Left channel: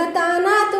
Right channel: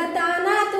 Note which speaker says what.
Speaker 1: Tá Maranatha